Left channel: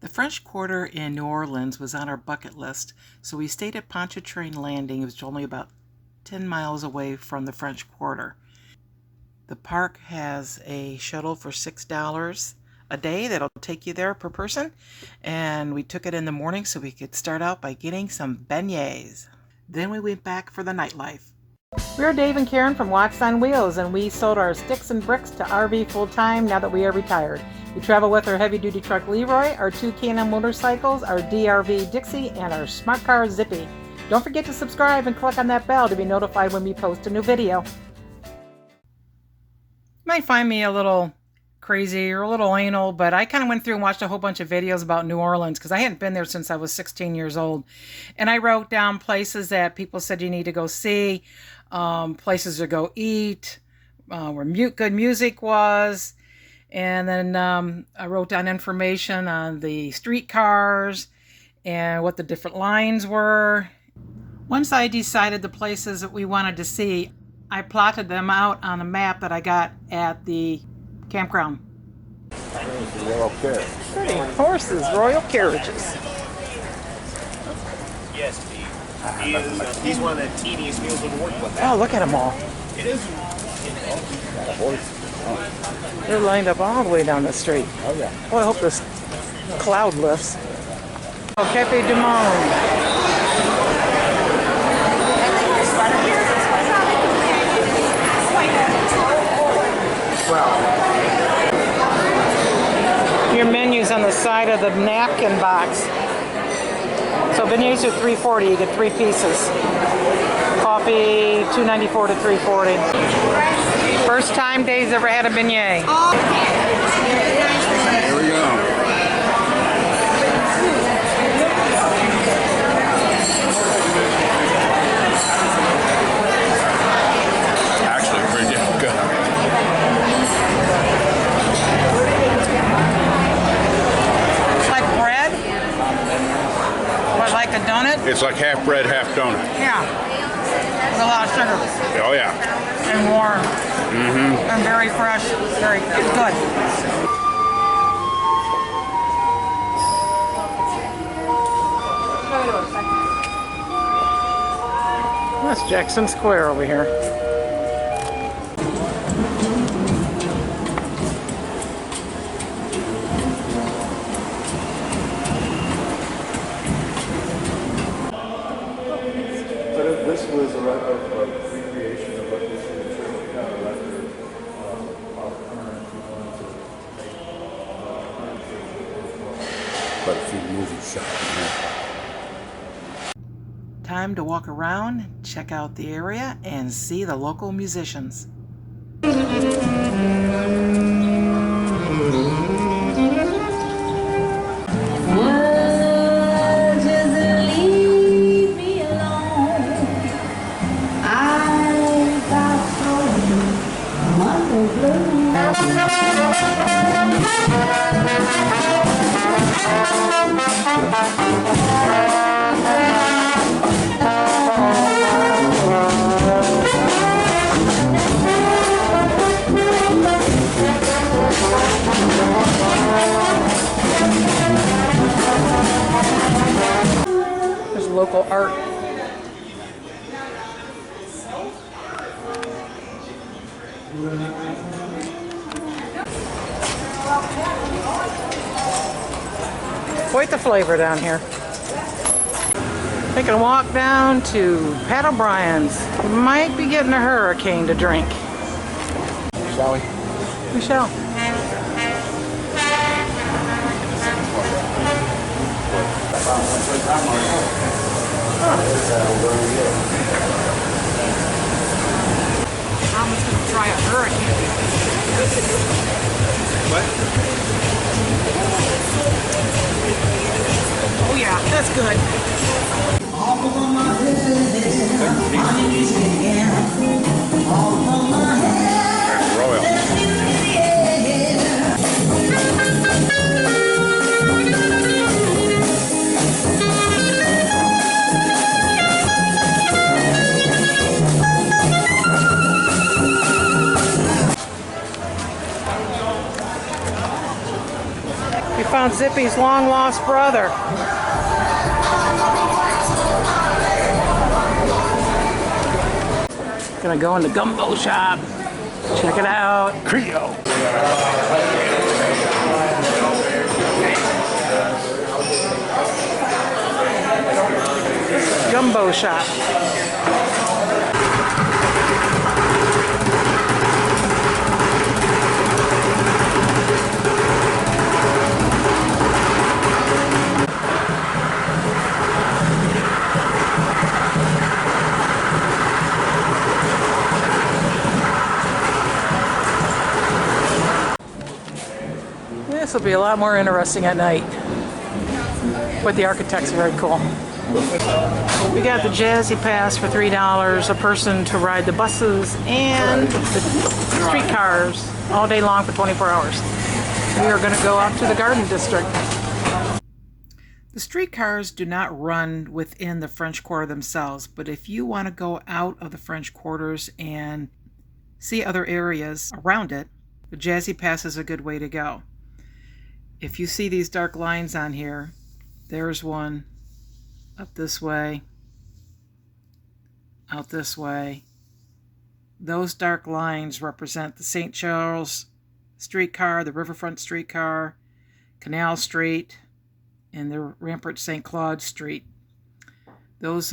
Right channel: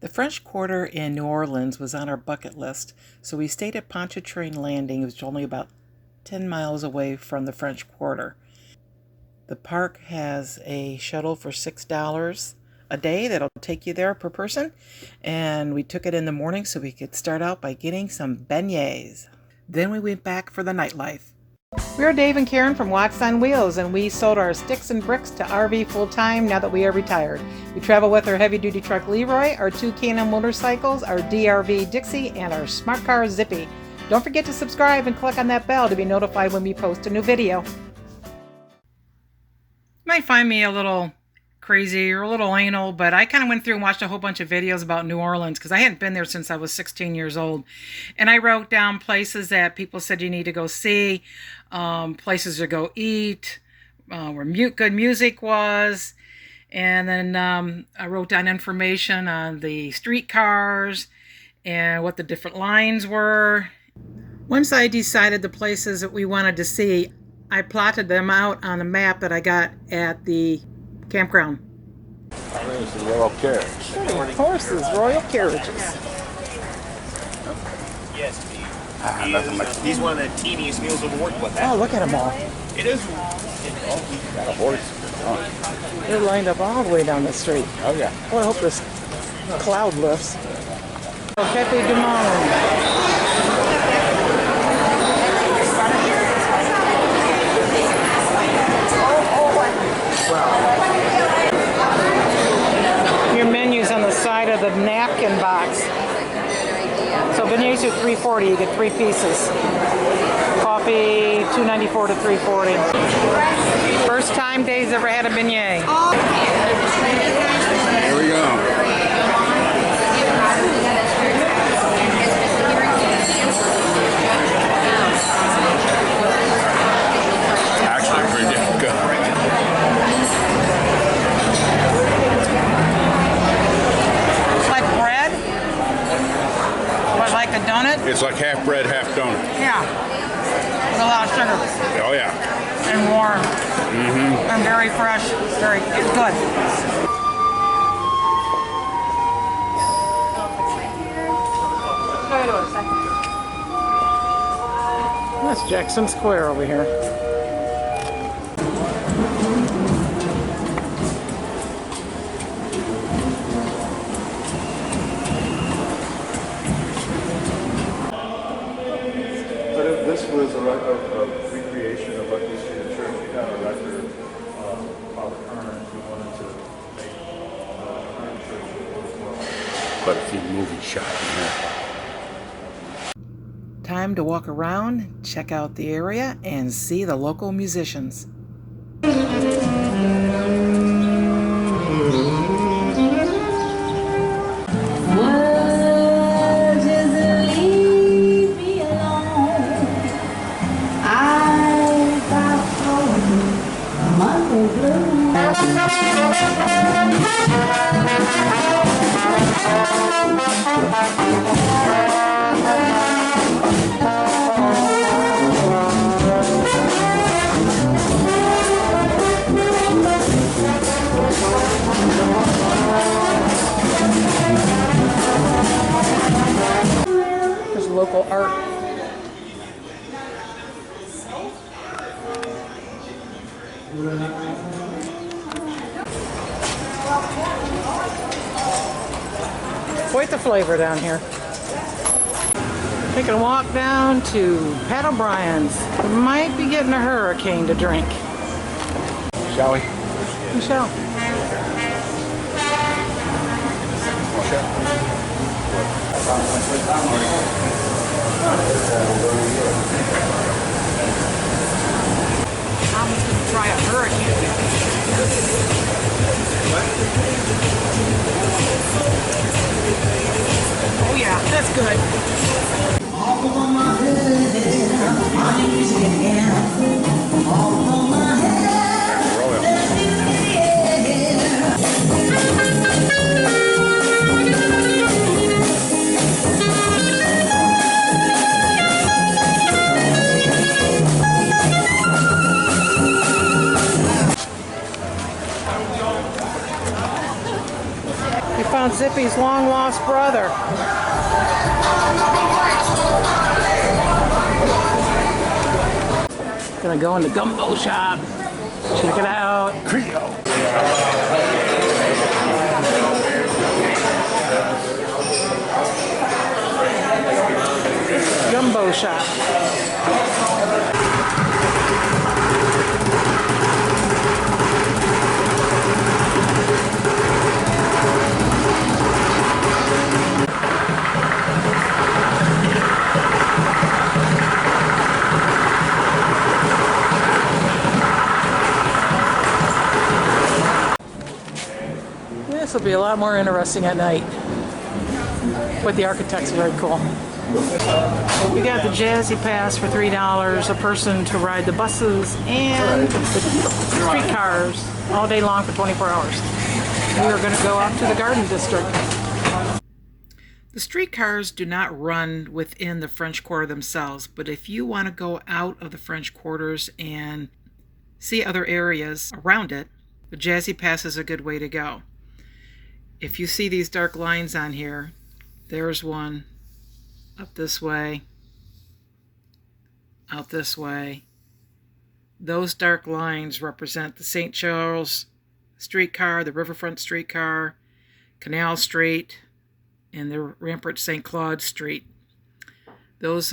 The French Quarter in New Orleans was on our bucket list, so we stayed at Pontchartrain Landing. It was only about 10 miles away from the French Quarter. The park has a shuttle for $6 a day that'll take you there per person, and we took it in the morning so we could start out by getting some beignets. Then we went back for the nightlife. We're Dave and Karen from Wax on Wheels, and we sold our sticks and bricks to RV full-time now that we are retired. We travel with our heavy-duty truck Leroy, our 2 Can-Am motorcycles, our DRV Dixie, and our smart car Zippy. Don't forget to subscribe and click on that bell to be notified when we post a new video. You might find me a little crazy or a little anal, but I kind of went through and watched a whole bunch of videos about New Orleans because I hadn't been there since I was 16 years old. And I wrote down places that people said you need to go see, places to go eat, where good music was. And then I wrote down information on the streetcars and what the different lines were. Once I decided the places that we wanted to see, I plotted them out on a map that I got at the campground. There's the yellow carriage. Pretty horses, royal carriages. Yes, he's one of the teeniest mules we've worked with. Oh, look at them all. It is. Got a horse. Oh. They're lined up all the way down the street. Oh yeah. Well, I hope this cloud lifts. Oh, Cafe du Monde. Your menu's on the side of the napkin box. So beignets are $3.40. You get 3 pieces. Coffee $2.94 to $3.40. First time Dave's ever had a beignet. Here we go. Actually, pretty damn good. Like a donut? It's like half bread, half donut. Yeah. With a lot of sugar. Oh yeah. And warm. Mm-hmm. And very fresh. Very good. That's Jackson Square over here. This was a recreation of what used to be the church. We have a record of our current. We wanted to make current church. Quite a few movie shots in here. Time to walk around, check out the area, and see the local musicians. There's local art. Quite the flavor down here. Taking a walk down to Pat O'Brien's. Might be getting a hurricane to drink. Shall we? We shall. I'm just going to try a hurricane. Oh yeah, that's good. Zippy's long lost brother. Gonna go in the gumbo shop. Check it out. Creole. Gumbo shop. This will be a lot more interesting at night. But the architect's very cool. We got the Jazzy Pass for $3 a person to ride the buses and the streetcars all day long for 24 hours. We are going to go up to the Garden District. The streetcars do not run within the French Quarter themselves, but if you want to go out of the French Quarters and see other areas around it, the Jazzy Pass is a good way to go. If you see these dark lines on here, there's one up this way, out this way. Those dark lines represent the St. Charles streetcar, the Riverfront streetcar, Canal Street, and the Rampart St. Claude Street. Those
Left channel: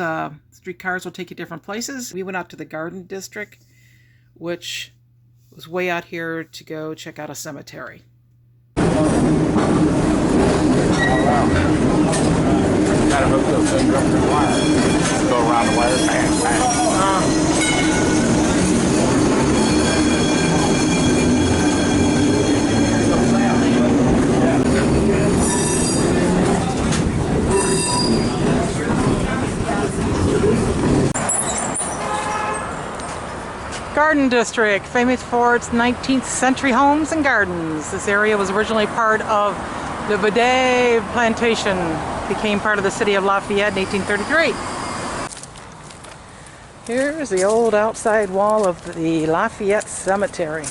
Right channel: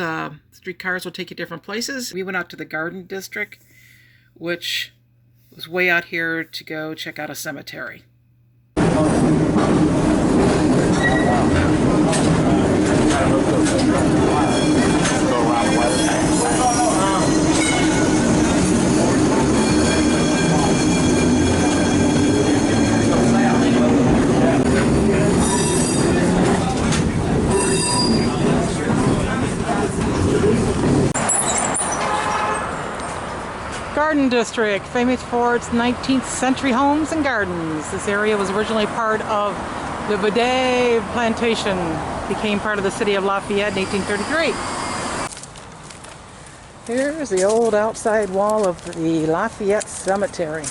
streetcars will take you different places. We went out to the Garden District, which was way out here to go check out a cemetery. Go around the wire. Garden District, famous for its 19th century homes and gardens. This area was originally part of the Beignets plantation, became part of the city of Lafayette in 1833. Here's the old outside wall of the Lafayette Cemetery.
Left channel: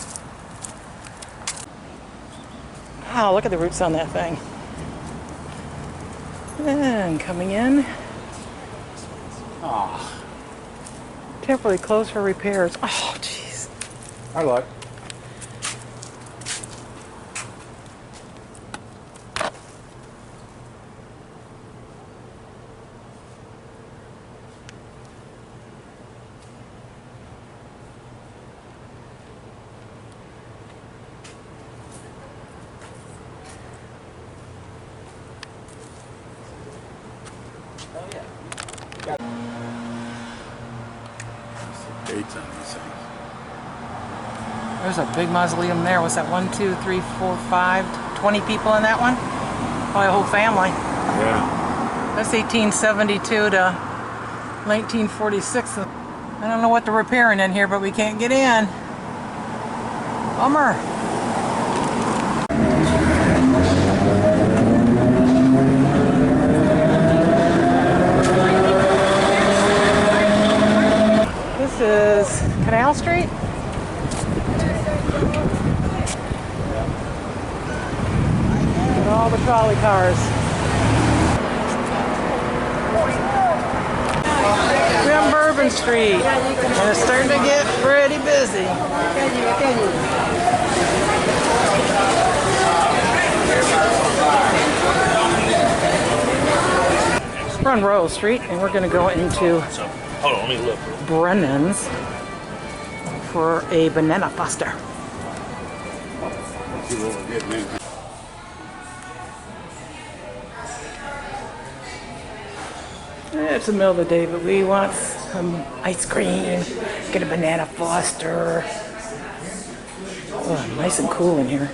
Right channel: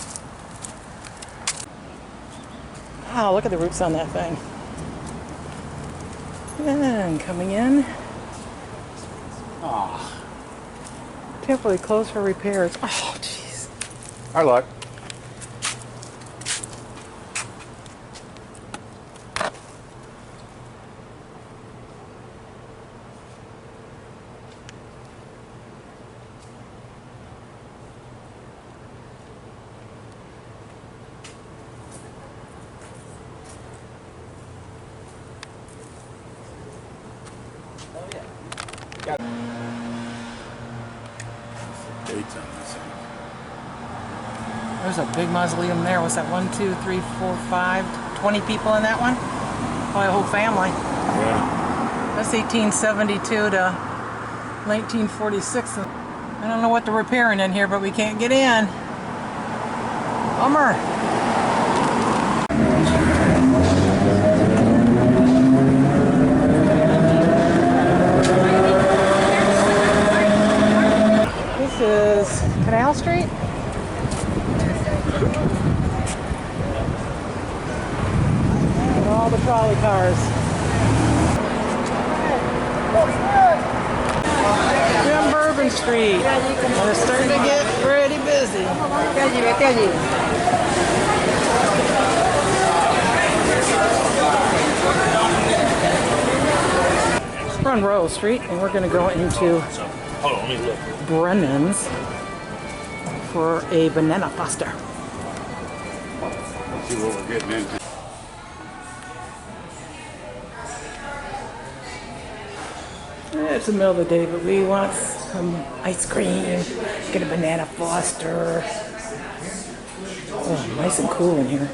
Wow, look at the roots on that thing. And coming in. Oh, Temporarily closed for repairs. Oh, jeez. our luck. Dates on this thing. There's a big mausoleum there. What's that? 1, 2, 3, 4, 5, 20 people in that one? Probably a whole family. Yeah. That's 1872 to 1946. I don't know what they're repairing in here, but we can't get in. Bummer. This is Canal Street. And all the trolley cars. We're on Bourbon Street, and it's starting to get pretty busy. We're on Royal Street, and we're going to go into Hold on, let me look. Brennan's for a banana foster. See what we're getting into. It's the middle of the day, but we want some ice cream, get a banana foster. Oh, nice and cool in here.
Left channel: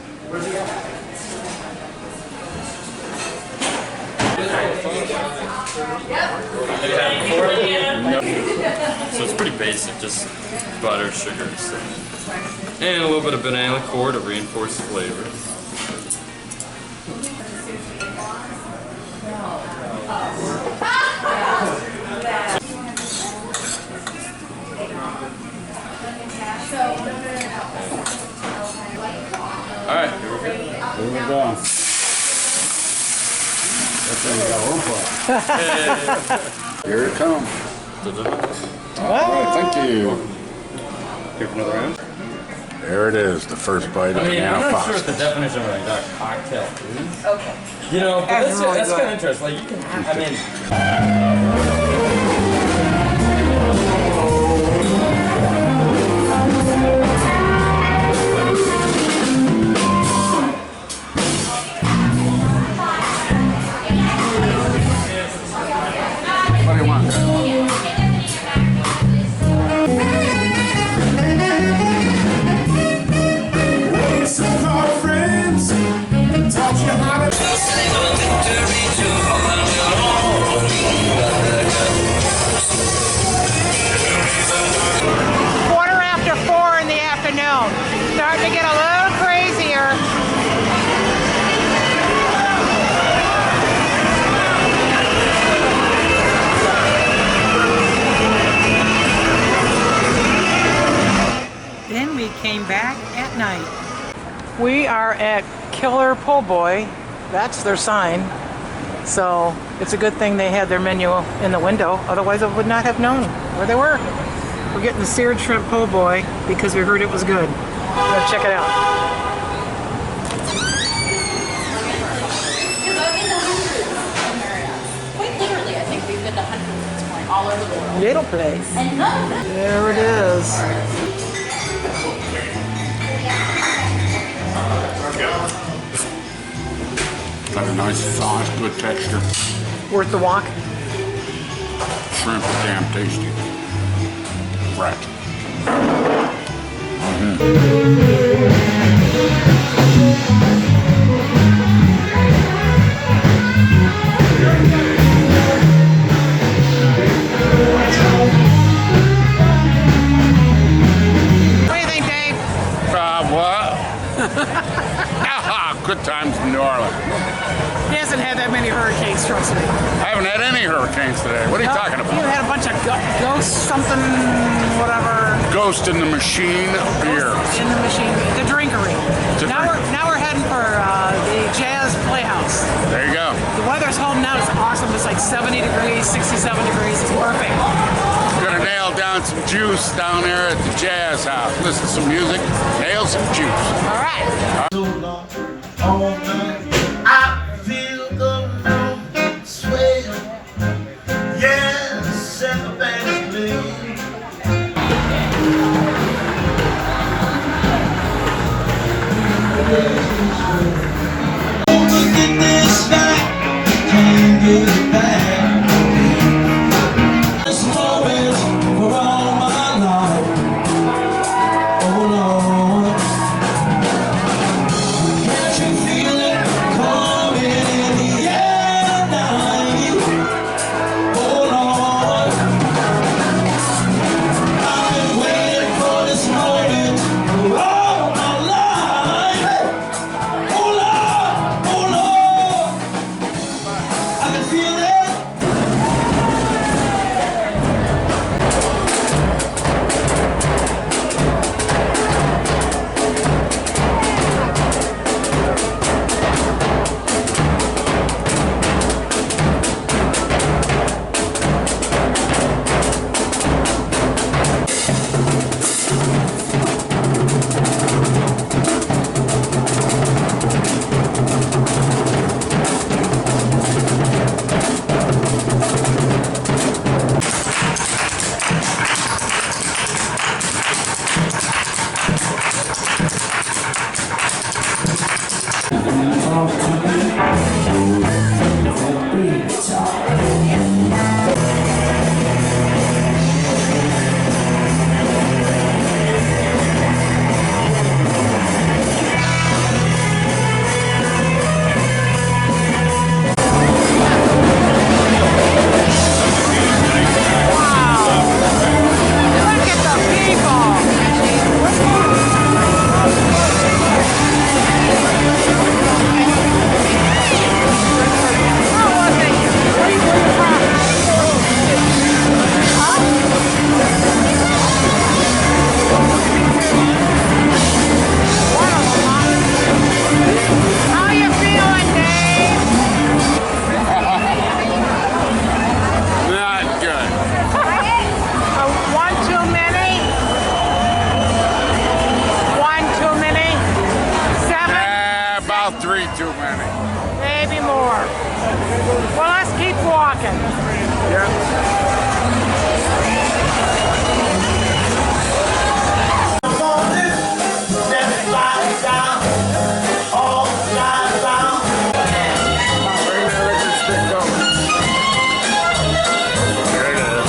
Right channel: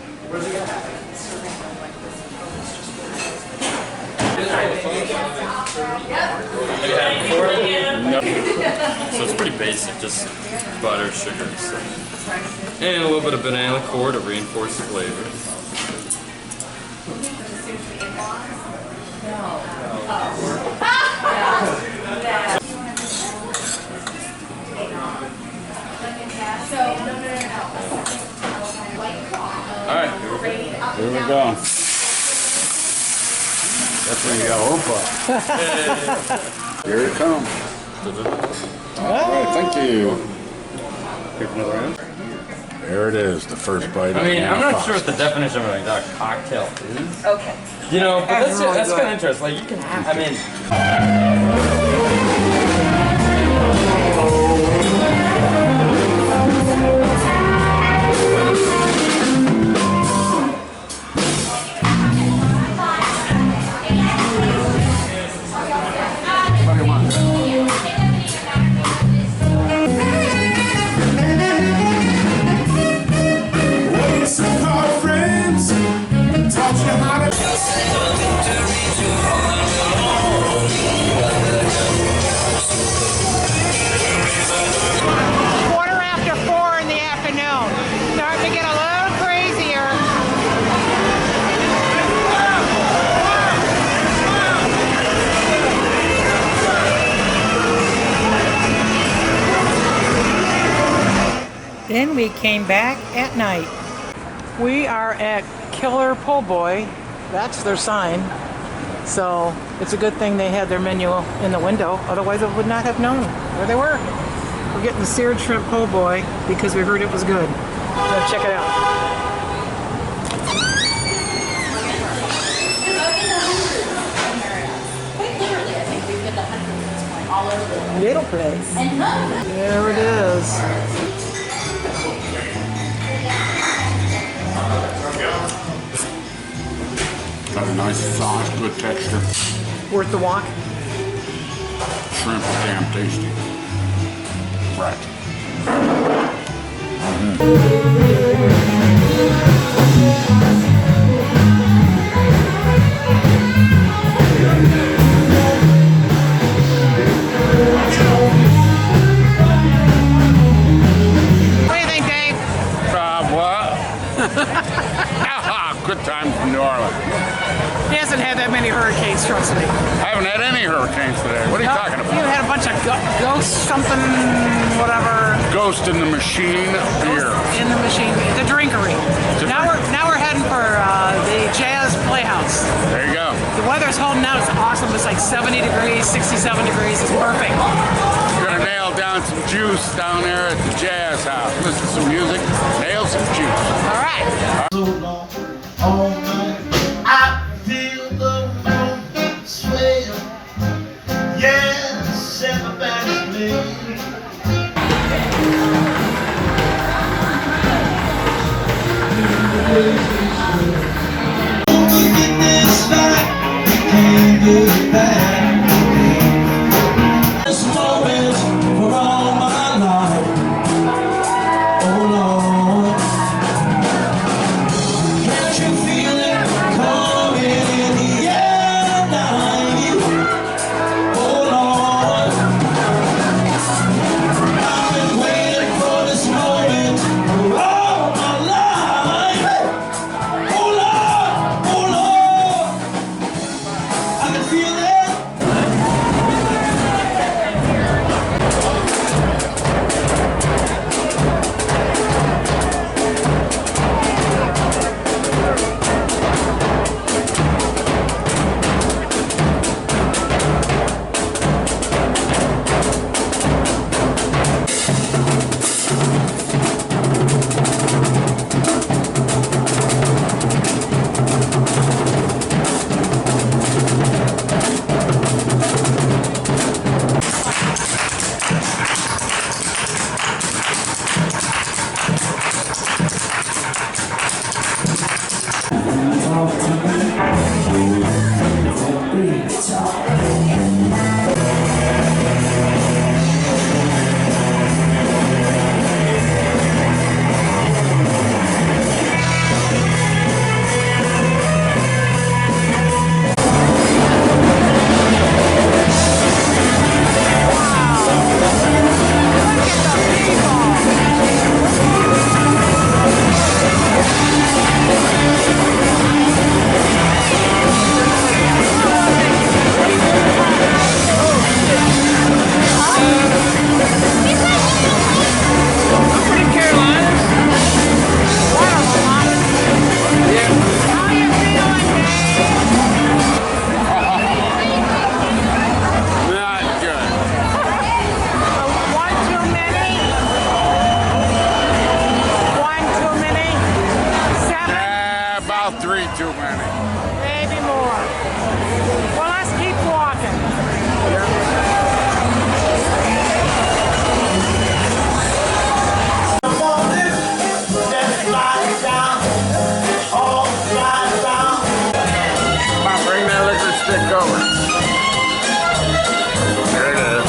No. So it's pretty basic, just butter, sugar, and stuff. And a little bit of banana liqueur to reinforce the flavor. Alright, here we go. Here we go. There you go, Opa. Here it comes. All right, thank you. Give another round. There it is, the first bite of I mean, I'm Anna not sure what Foster's. the definition of like that cocktail is. Okay. You know, but That's really that's good. kind of interesting. Like you can have, I mean. What do you want? Quarter after 4 in the afternoon. Starting to get a little crazier. Then we came back at night. We are at Killer Po' Boy. That's their sign. So it's a good thing they had their menu in the window. Otherwise I would not have known where they were. We're getting the seared shrimp po' boy because we heard it was good. Let's check it out. Quite literally, I think we've been to hundreds at this point, all over the world. Little place. And none of them. There it is. Got a nice sauce, good texture. Worth the walk. Shrimp are damn tasty. Right. What do you think, Dave? What? Good times in New Orleans. He hasn't had that many hurricanes, trust me. I haven't had any hurricanes today. What are you talking You about? had a bunch of ghosts, something, whatever. Ghost in the Machine beer. In the machine, the drinkery. Now we're heading for the Jazz Playhouse. There you go. The weather's holding out. It's awesome. It's like 70 degrees, 67 degrees. It's perfect. Gonna nail down some juice down there at the Jazz House. Listen to some music, nail some juice. All right. So long, all night, I feel the room sway. Yes, and the band play. Look at this night, can't go back. This moment for all my life. Oh Lord. Can't you feel it? 3 too many. Maybe more. Well, let's keep walking. Bring that liquor stick over. There it is.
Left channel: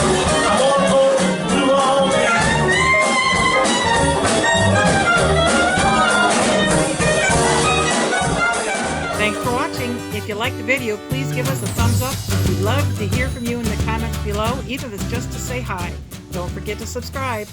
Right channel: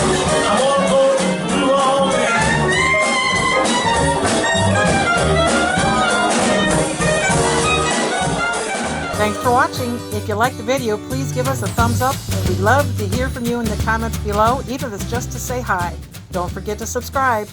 Thanks for watching. If you liked the video, please give us a thumbs up. We'd love to hear from you in the comments below, even if it's just to say hi. Don't forget to subscribe.